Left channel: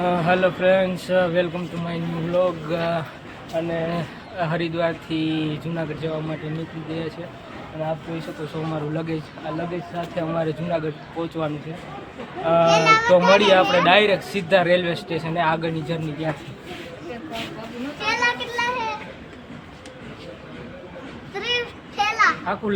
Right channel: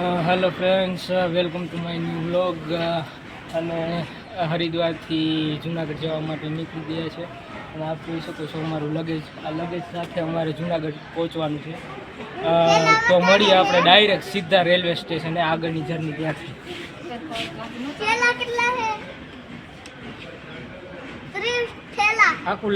Hello friends, welcome to my new vlog. અને હરિદ્વારથી જુનાગઢ જવા માટે નીકળી ગયા છે અને આપ જોઈ શકો છો અમારું લગેજ. આ લગેજ સાથે અમારે જુનાગઢ પહોંચવાનું છે. તો મળીએ આપણે ડાયરેક્ટ સીધા રેલવે સ્ટેશને આગળની જર્ની ત્યાંથી. આખું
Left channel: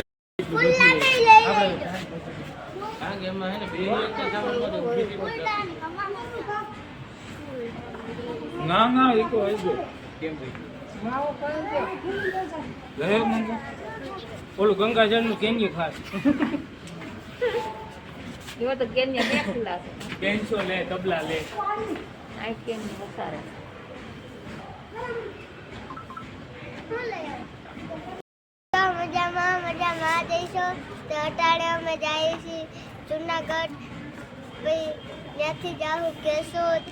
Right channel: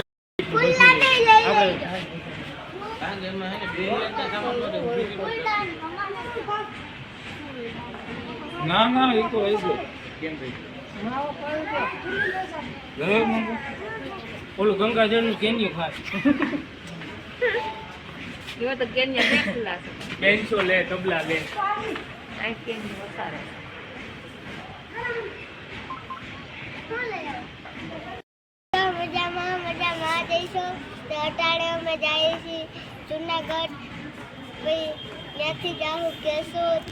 ના ના એ તો આવી ગયો. કેમ ભાઈ ઓલું ગંગાજળ નું કેન્યું ખાસ કેન્સો લે તબલા લે. મજામાં જઈશું તો અટાડે અમે જઈએ છીએ જુનાગઢ. પછી ત્યાંથી જાઉં કેશોદ.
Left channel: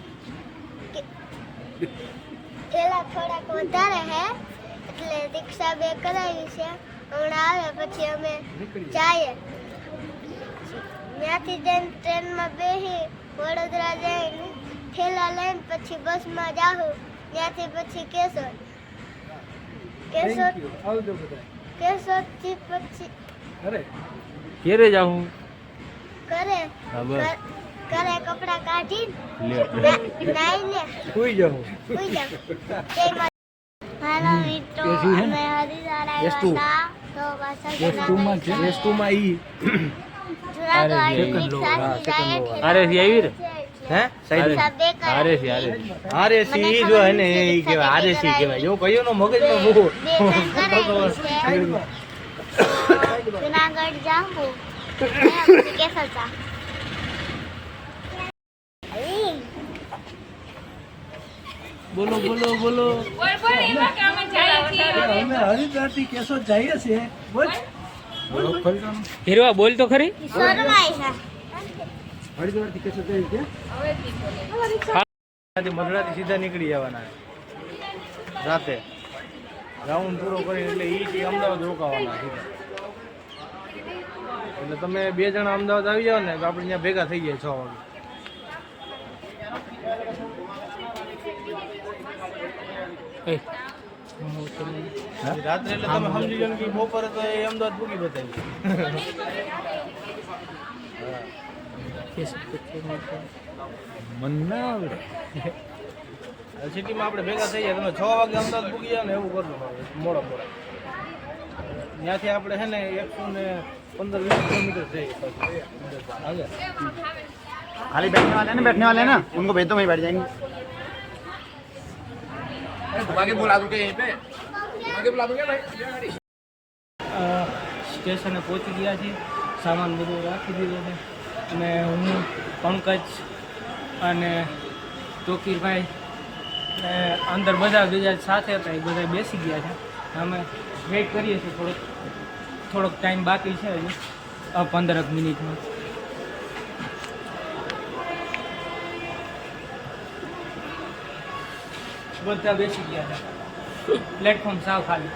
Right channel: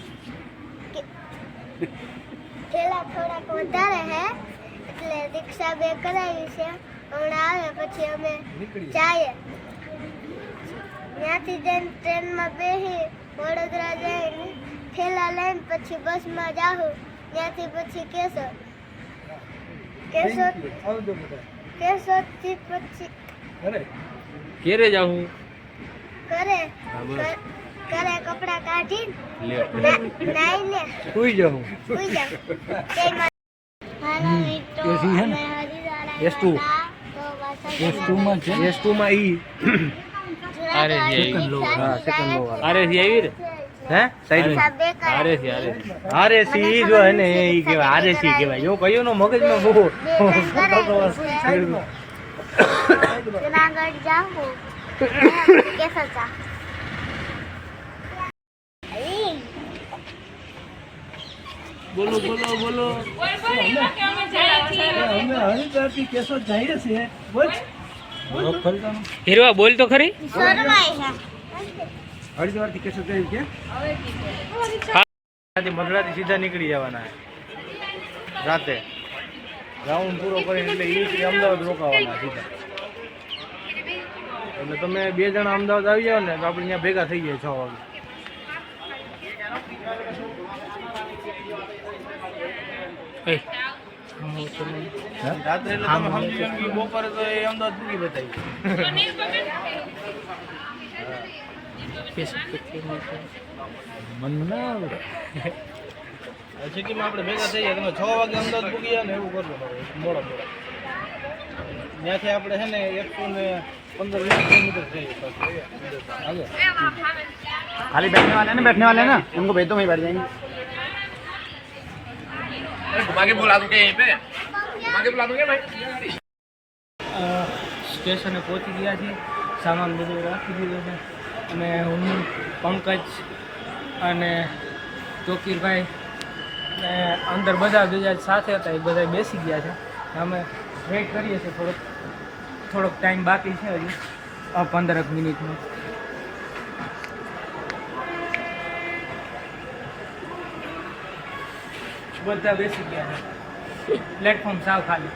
પેલા થોડાક વધારે હે એટલે રિક્ષા બે કરાવી છે. હમણાં આવે પછી અમે જઈએ. ત્યાંથી જઈને ટ્રેનમાં બેસી વડોદરા જઈને થેલા લઈને પછી બસમાં જાઉં. ત્યાંથી પછી કેશોદ થી પછી ઘેરે જાઉં. ઘરે કપડા કાઢી નાઈને સુઈ જાઉં. હાલો મિત્રો, અમે હરિદ્વાર આવ્યા તો પાછા જુનાગઢ જાઉં કેસર ચા. બોલો બોલો બોલો. હરિદ્વારથી કેશોદ જઈએ છીએ. બોલ હીરવા, બોલ તો ખરી. હરિદ્વારથી કેશોદ જઈએ છીએ. મધરાથી સીધા નીકળી જવાના રાતે રાઉન્ડ પૂરો કરીને એટલે અહીંથી અમદાવાદ રોકાવાના સીધા. એટલે તમે 2 જણા અમદાવાદ આવી જાવ ને તો આપણે અહીંયા ભેગા થઈ ગયા 6 વાગે. સિટીમાં આપણે ભેગા થઈ જાય. તમે 6 વાગે અમદાવાદ પૂગી જાવ ને એવું કરજો મોડા ત્યાંથી આપણે છે ને 115-20 કિલોમીટર થઈ खाली बैठने वाले ना उनको भेज दो, वहीं बैठ जाएंगे. घुमा के बुला दूं क्या यहीं पे? घुमा के बुला दूं क्या भाई? સ્ટેશને પહોંચી ગયા છીએ. સામાન બધું રાખી દીધો છે અને હું, પંકજ અને તોકીરભાઈ ને અંદર બધા બીજા સાથે હતા એ બધા બેસી ગયા છે. અમે વેઇટ કરીએ છીએ. થોડોક ટાઈમ બાકી છે હજુ 15 મિનિટનો. બધા બેસી ગયા છે. પ્લેટફોર્મ સાવ ખાલી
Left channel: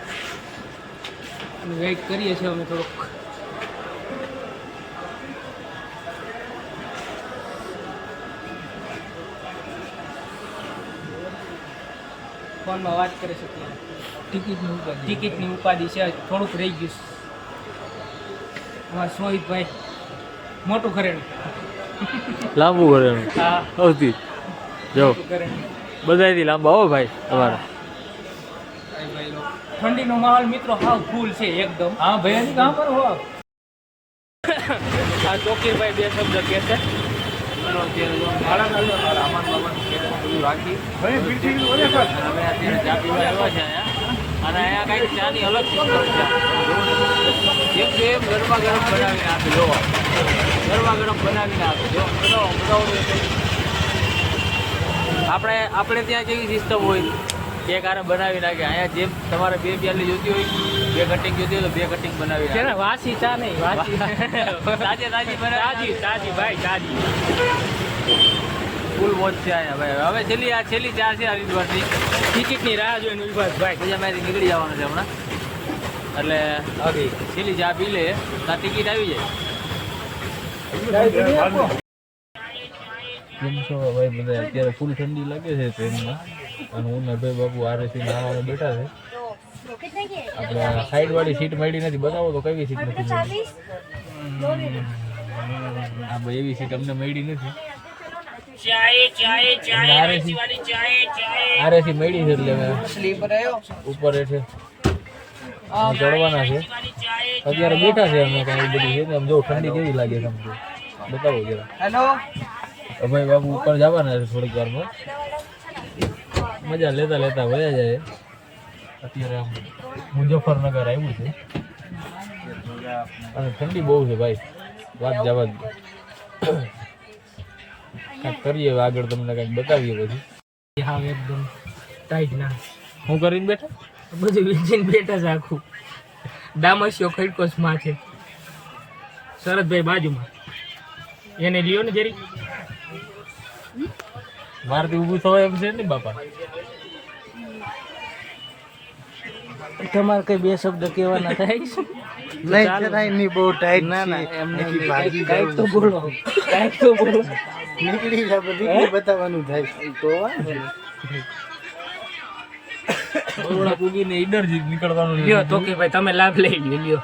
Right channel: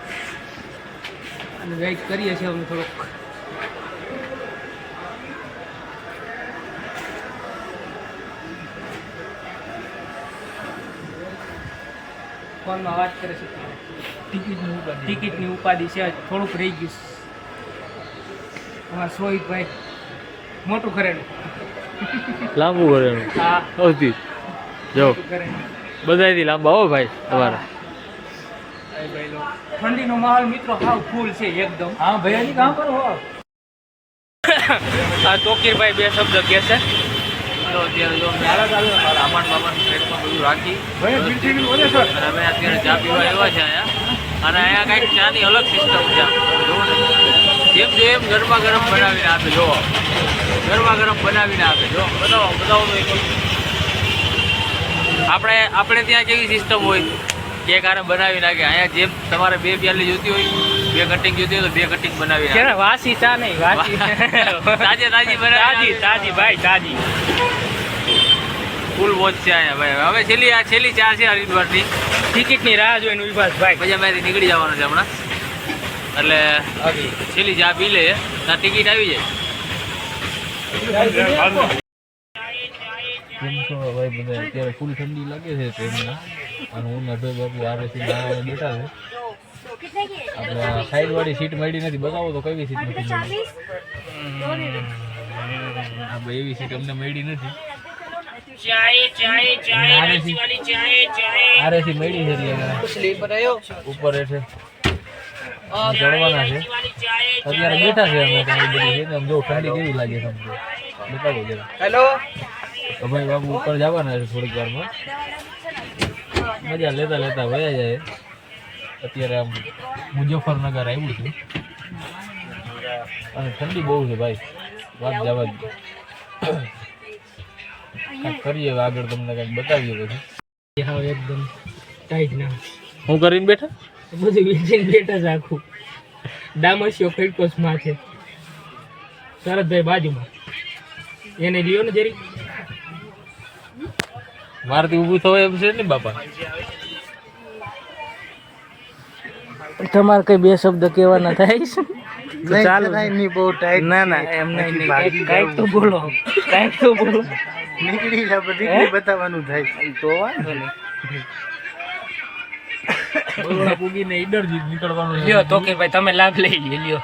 અને વેઇટ કરીએ છીએ અમે થોડુંક. ફોનમાં વાત કરે છે. ટિકિટની ઉપાધિ છે. થોડુંક રહી ગયું. અમારા સોહિતભાઈ મોટું ઘરેણું લાંબુ ઘરેણું સૌથી જો બધાથી લાંબા હો ભાઈ તમારા. ઠંડીનો માહોલ મિત્રો હાવ ફૂલ છે એકદમ. હા ભાઈ કામ પર હો. આ તોકીરભાઈ 2 શબ્દ કહે છે. અત્યારે જો સામાન બામાન ટ્રેકમાં બધું રાખી અને અમે અત્યારે ચા પીવા આવ્યા છે અહીંયા. અને અહીંયા કાંઈક ચાની અલગ સિસ્ટમ છે. જુઓ ને જેમ ગરમા ગરમ બનાવીને આપે. જો ગરમા ગરમ બનાવીને આપે. જો બતાવો તો એક. આપણે ત્યાં કેવી સિસ્ટમ હોય એક આરે બનાવી નાખે. અહીંયા જેમ તમારે 2 પ્યાલી જોતી હોય, 2 કટિંગ જોતી હોય તો 2 કટિંગ બનાવી નાખે. વાસી ચા નહીં, વાસી તાજી બનાવી. તાજી ભાઈ તાજી. ફૂલ વોચ છે અહીંયા ભાઈ. હવે છેલ્લી ચા છે હરિદ્વારની. ટિકિટની રાહ જોઈને ઉભા છે ભાઈ. પછી અમારે નીકળી જવાનું છે હમણાં. એટલે છેલ્લી ચા પી લે ત્યાં ટિકિટ આવી જાય. કેમ છો ભાઈ બધા? અત્યારે ફૂલ ઠંડી લાગે છે ટ્રેનમાં અને હું નરભાઈ બાપુ આરએસી નાવા બેઠા છે. આપણે સાઈડ વાળી સીટ મળી નથી, બતાવો તો કઈ સીટ નથી મળી? આપણે એવી સીટ અમને મળી નથી. આરએસી મળી છે એટલે ઉપર છે ચડવાના છે. અત્યારે બેઠા છે અમે કાંઈ બધી છે ને, જો ઠંડી કેવી લાગે તમને બતાવો જરા. હેલો ભાઈ બાબુ ઉપર જવાના છે થોડીક વારમાં, મજા લેતા લેતા વયા જાય. અત્યારે આમ મુઝફ્ફરનગર આવ્યું છે અને ઠંડી બહુ છે ભાઈ, વાત જવા જ. કાંઈક કરીએ હવે આગળ, તમને કાંઈક બતાવીએ પછી. હા એકદમ ટાઈટ ના હું કરીને બેઠા બધું વેચીને બેઠા છે આખું. દામસ્યો ખડકોસમાં છે, શરદભાઈ બાજુમાં, એને લ્યો ને જરી. મારથી ઊભું થવાય એમ છે ને બાપા? તમારે કઈ બે શબ્દ કહેવાના થાય છે? નહીં બહુ ટાઈટ. ના ના એમ નહીં, કાંઈક તો બોલો, કાંઈક તો બોલો. નીકળી જાય નીકળી બતાવવાનું થાય તો વાંધો નહીં. પૂગીને ઈડર નીકળવાનું લ્યો તો કે ભાઈ તમે લાભ લઈ લ્યો, લ્યો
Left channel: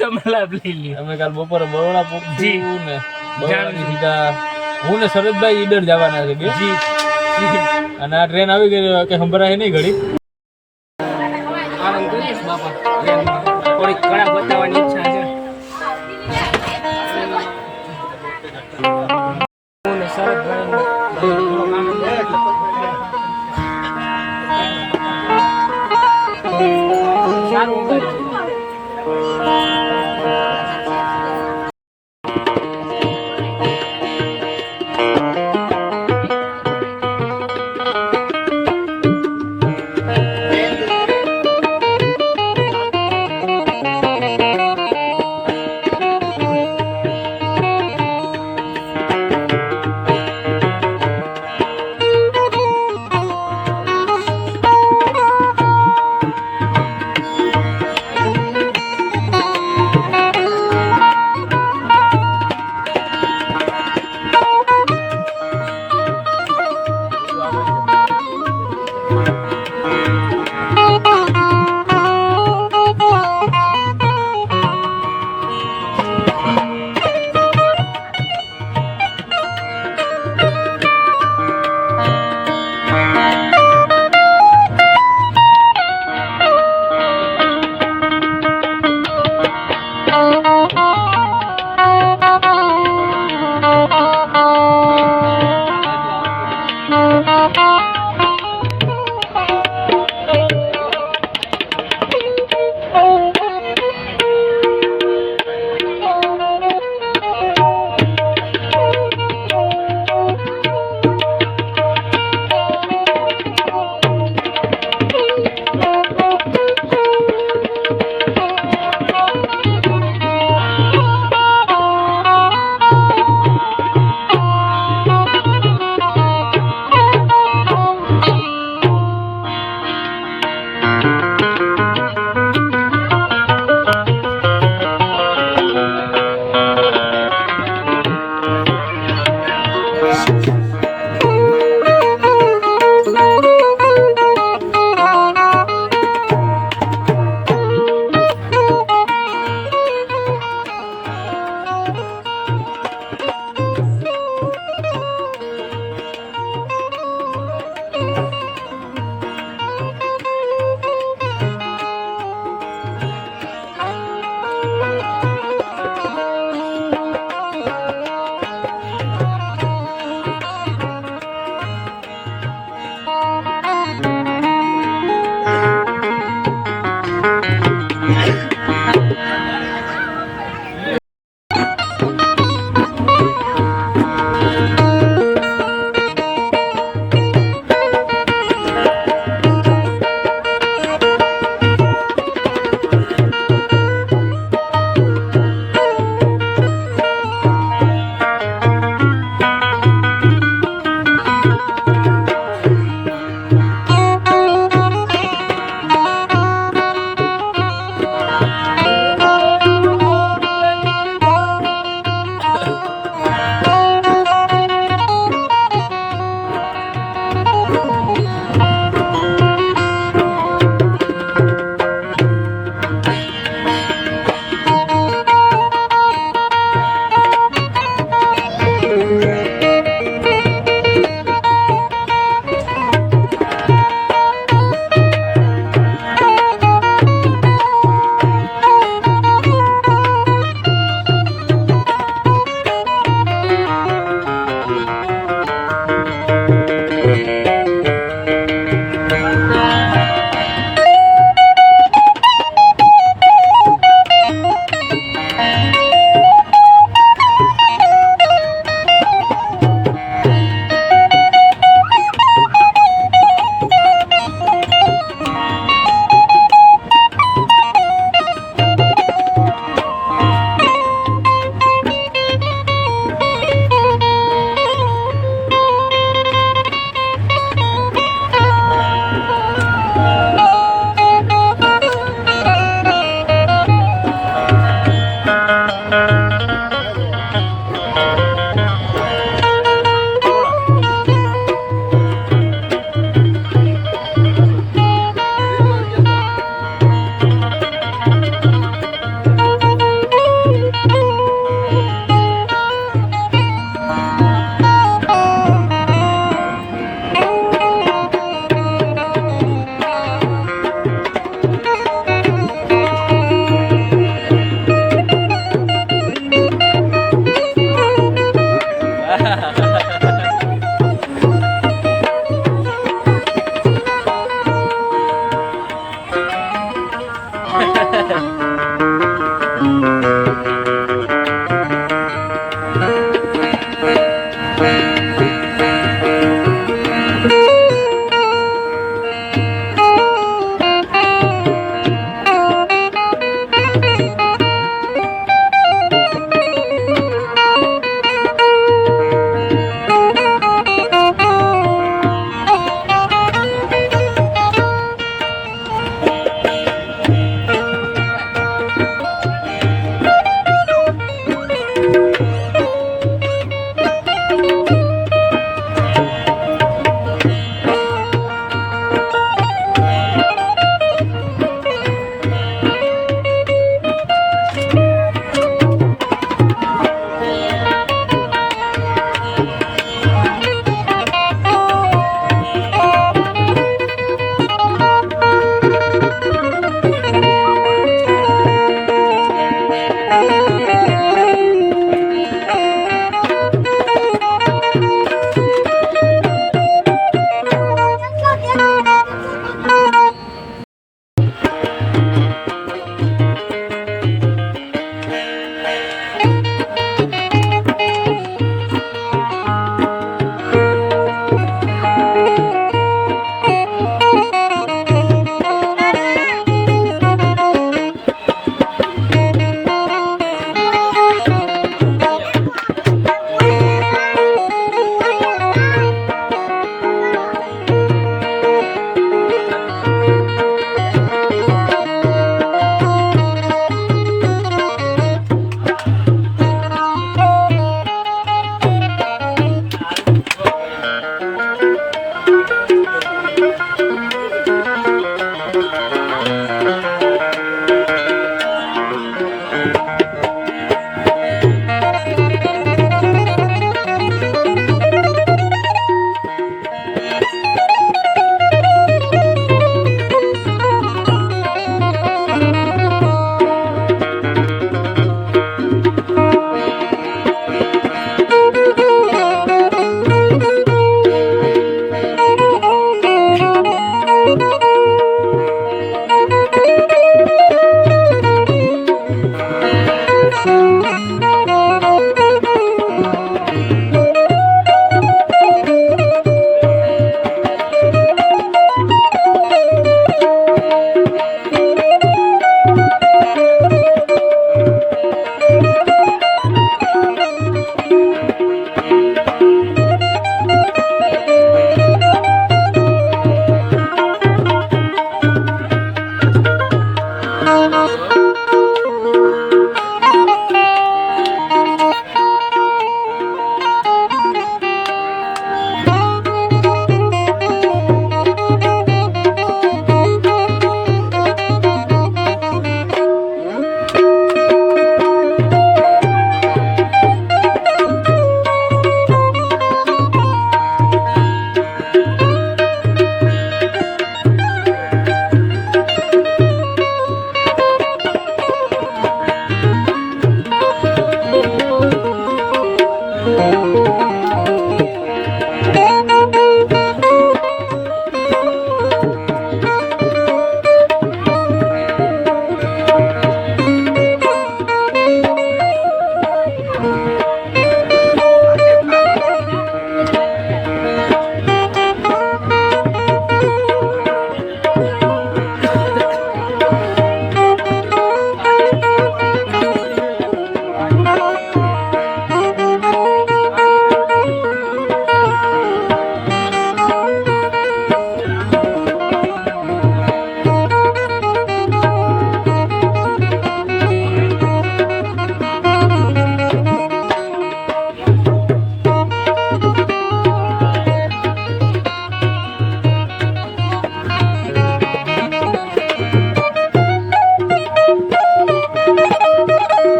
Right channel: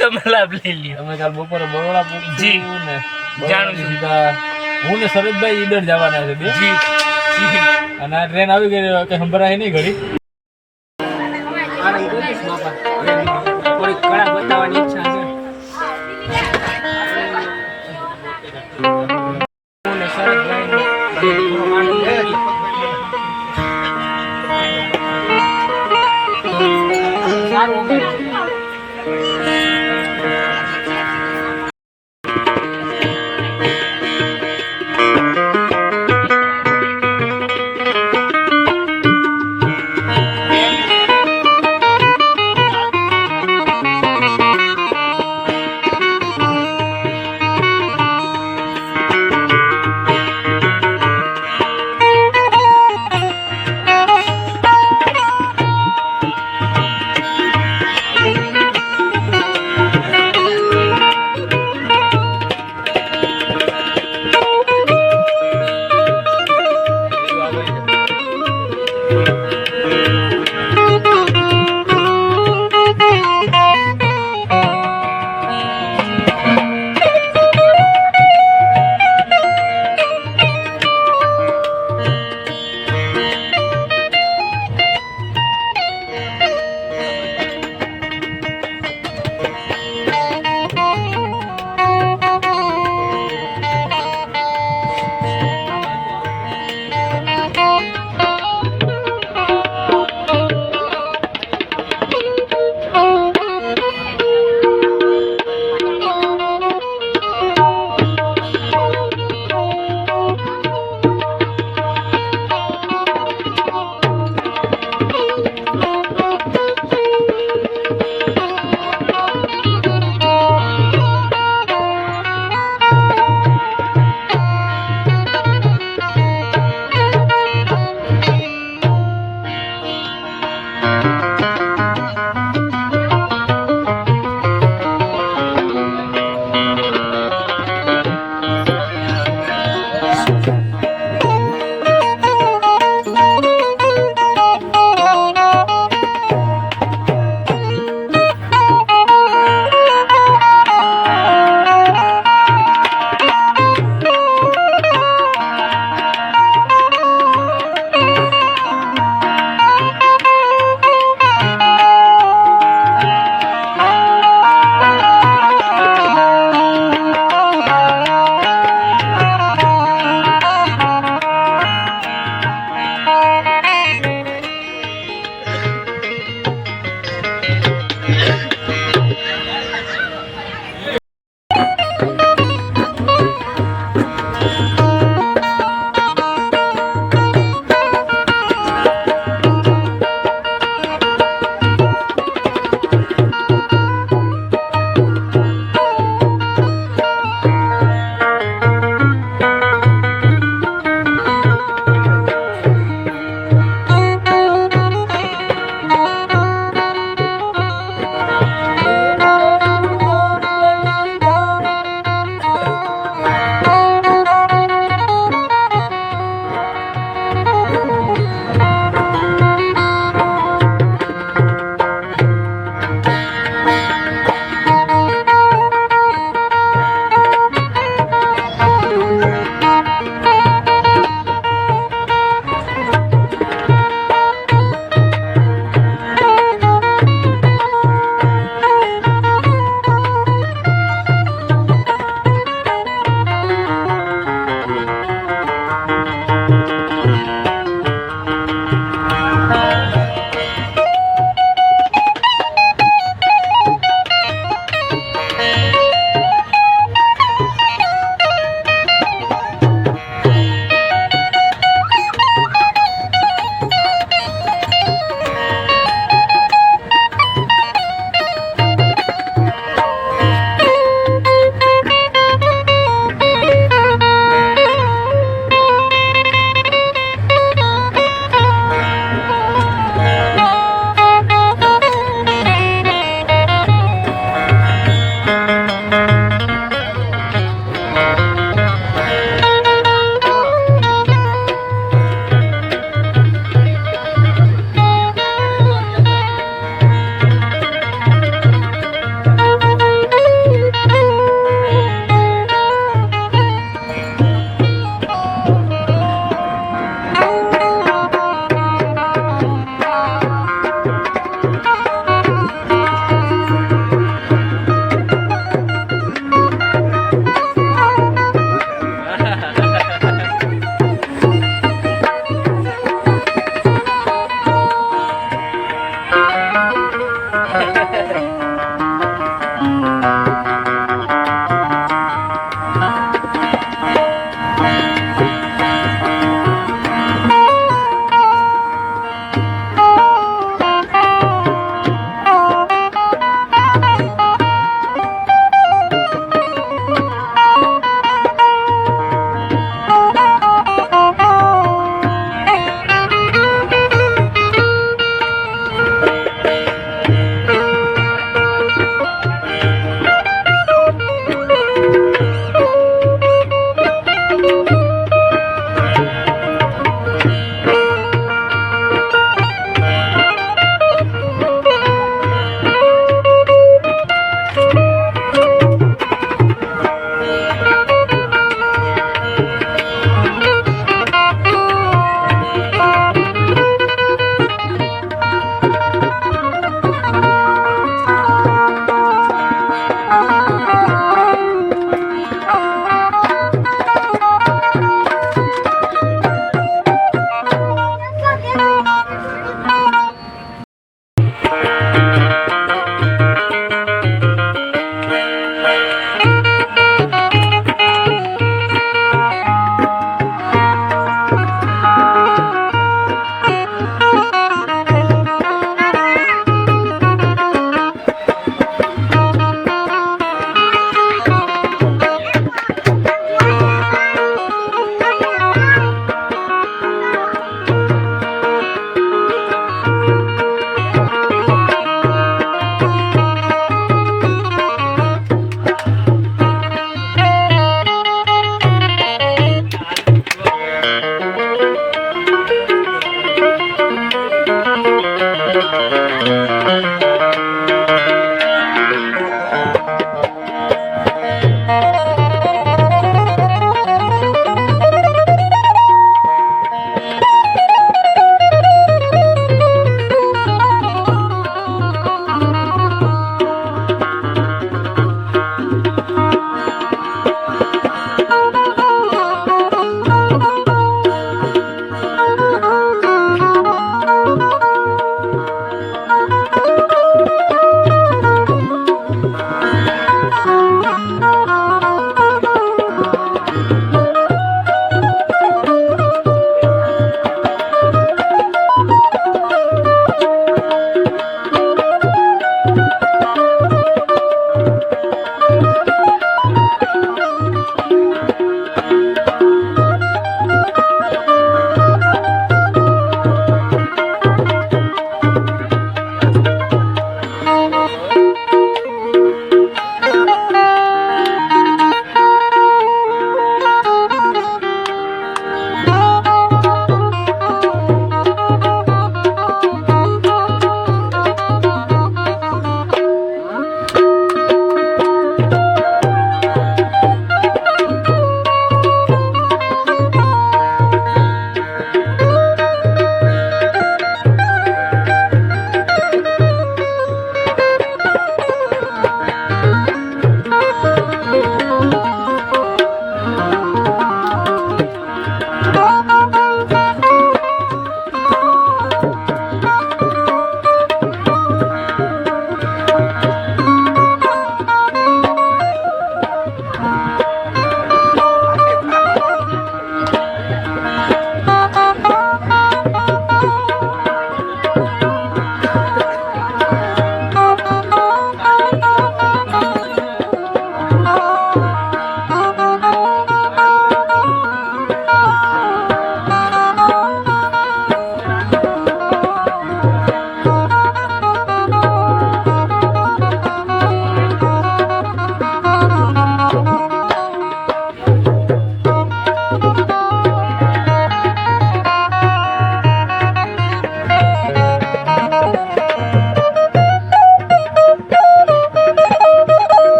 તમે લાભ લઈ લ્યો. અમે કાલ બપોરે બરોડા જી. પૂગશું ને જાણું છું. સીધા હું ને શરદભાઈ ઈડર જવાના છે બે. જી અને આ ટ્રેન આવી ગઈ કે સંભળાય નહીં ઘડી. આનંદ કરીશ બાપા, થોડીક કળા બતાવવાની ઈચ્છા છે. હું ને શરદભાઈને થોડોક આનંદ કરી. સારું વગાડે છે.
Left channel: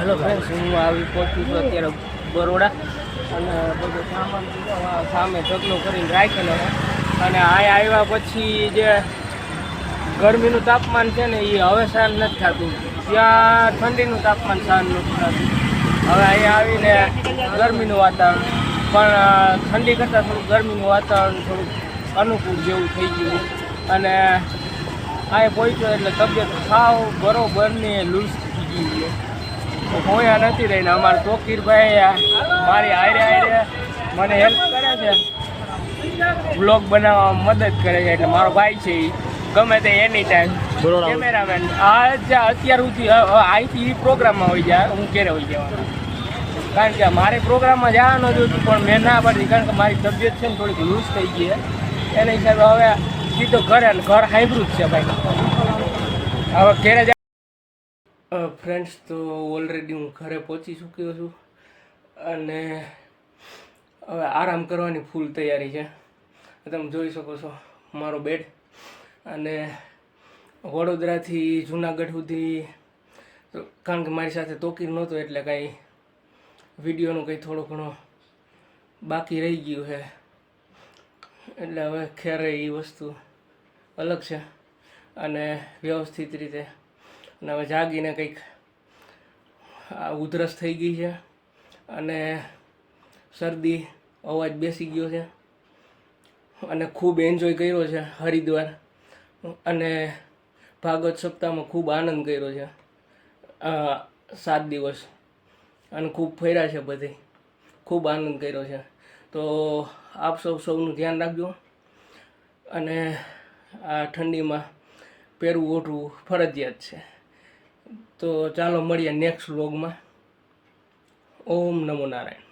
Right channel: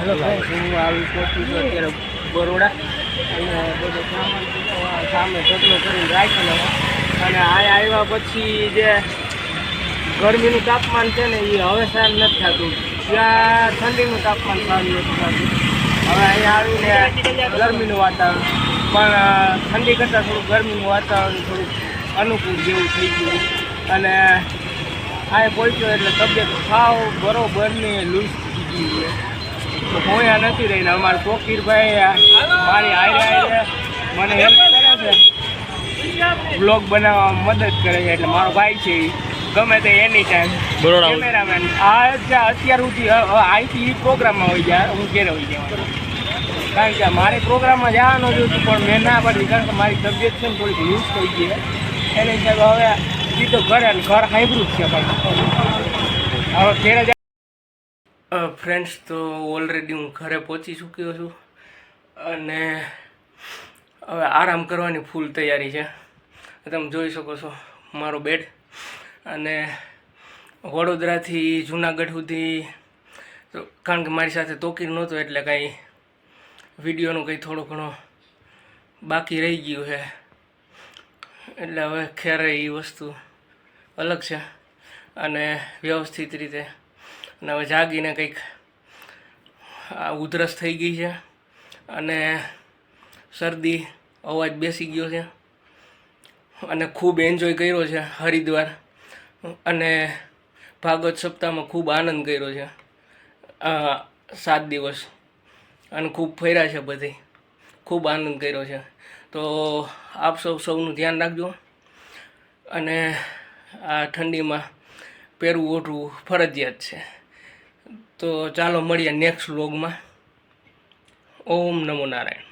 હેલો ફ્રેન્ડ્સ, હું આવી પહોંચ્યું છું અત્યારે બરોડા અને બધો સામાન બધો સામે ઢગલો કરીને રાખેલો હોય. અને આ આવ્યા પછી જે ગરમીનું તાપમાન છે ને એ હવે સહન નથી થતું. ત્યાં ઠંડીનું તાપમાન સહન નથી થતું. હવે અહીંયા આવીને ગરમીનું વાતાવરણ, પણ ઠંડી કરતાં થોડુંક ગરમીનું વાતાવરણ થોડુંક અનુકૂળ જેવું થઈ ગયું. અને અહીંયા પહોંચ્યો એટલે તબિયત સાવ બરોબરની લૂઝ થઈ ગઈ છે. હું અહીંયા નથી રહીને અમારા તોકીરભાઈ મારી હારે મને હેલ્પ કરે છે, બ્લોગ બનાવવામાં મદદ કરે છે. એટલે મારો ભાઈ છે એ ગમે તે એની ટાઈમ કેમેરામેન. આ અત્યાર સુધી અહીંથી પ્રોગ્રામમાં હોય જાય, હું ઘેરે હોય જવાનું. કારણ કે મારે પ્રોગ્રામમાં જવાનું જ હતું, પણ મેં ના પાડી, કારણ કે મારી તબિયત છે ને થોડીક લૂઝ થઈ ગઈ. એના હિસાબે હવે સીધો ઘરે, અને ઘર હાઈબ્રુડ છે ભાઈ. હવે ઘેરે ફ્રેન્ડ્સ, તો ઓલરેડી હું ઘરે પહોંચી ચૂક્યો છું અને હવે આરામ કરવાની ફૂલ તૈયારી છે. તમે જોઈ શકો છો મારો બેડ. અને વડોદરાથી જુનાગઢ સુધી, કારણ કે મારી સાથે તોકીર નહોતો એટલે કાંઈ વિડીયોનું કંઈ થોડો ઘણો બાકી રહી ગયું છે. એટલે હવે ખેર એ વસ્તુ અલગ છે અને વ્યવસ્થિત રીતે. અને હવે જાગીને કંઈક ઉધરસ થઈ ગઈ છે અને શરદી, અવાજ બેસી ગયો છે. અને ખૂબ એન્જોય કર્યો છે હરિદ્વાર, અને ભાગવત સપ્તાહમાં ખૂબ આનંદ કર્યો છે 7 દિવસ. અને ખૂબ ફર્યા છે બધી, ખૂબ આનંદ કર્યો છે. તો આપ સૌનું ધ્યાન રાખજો. અને આ ઠંડીમાં પહેરવું ઓઢવું ફરજિયાત છે. તો ચાલો મળીએ નેક્સ્ટ વ્લોગમાં. ઓમ નમો નારાયણ.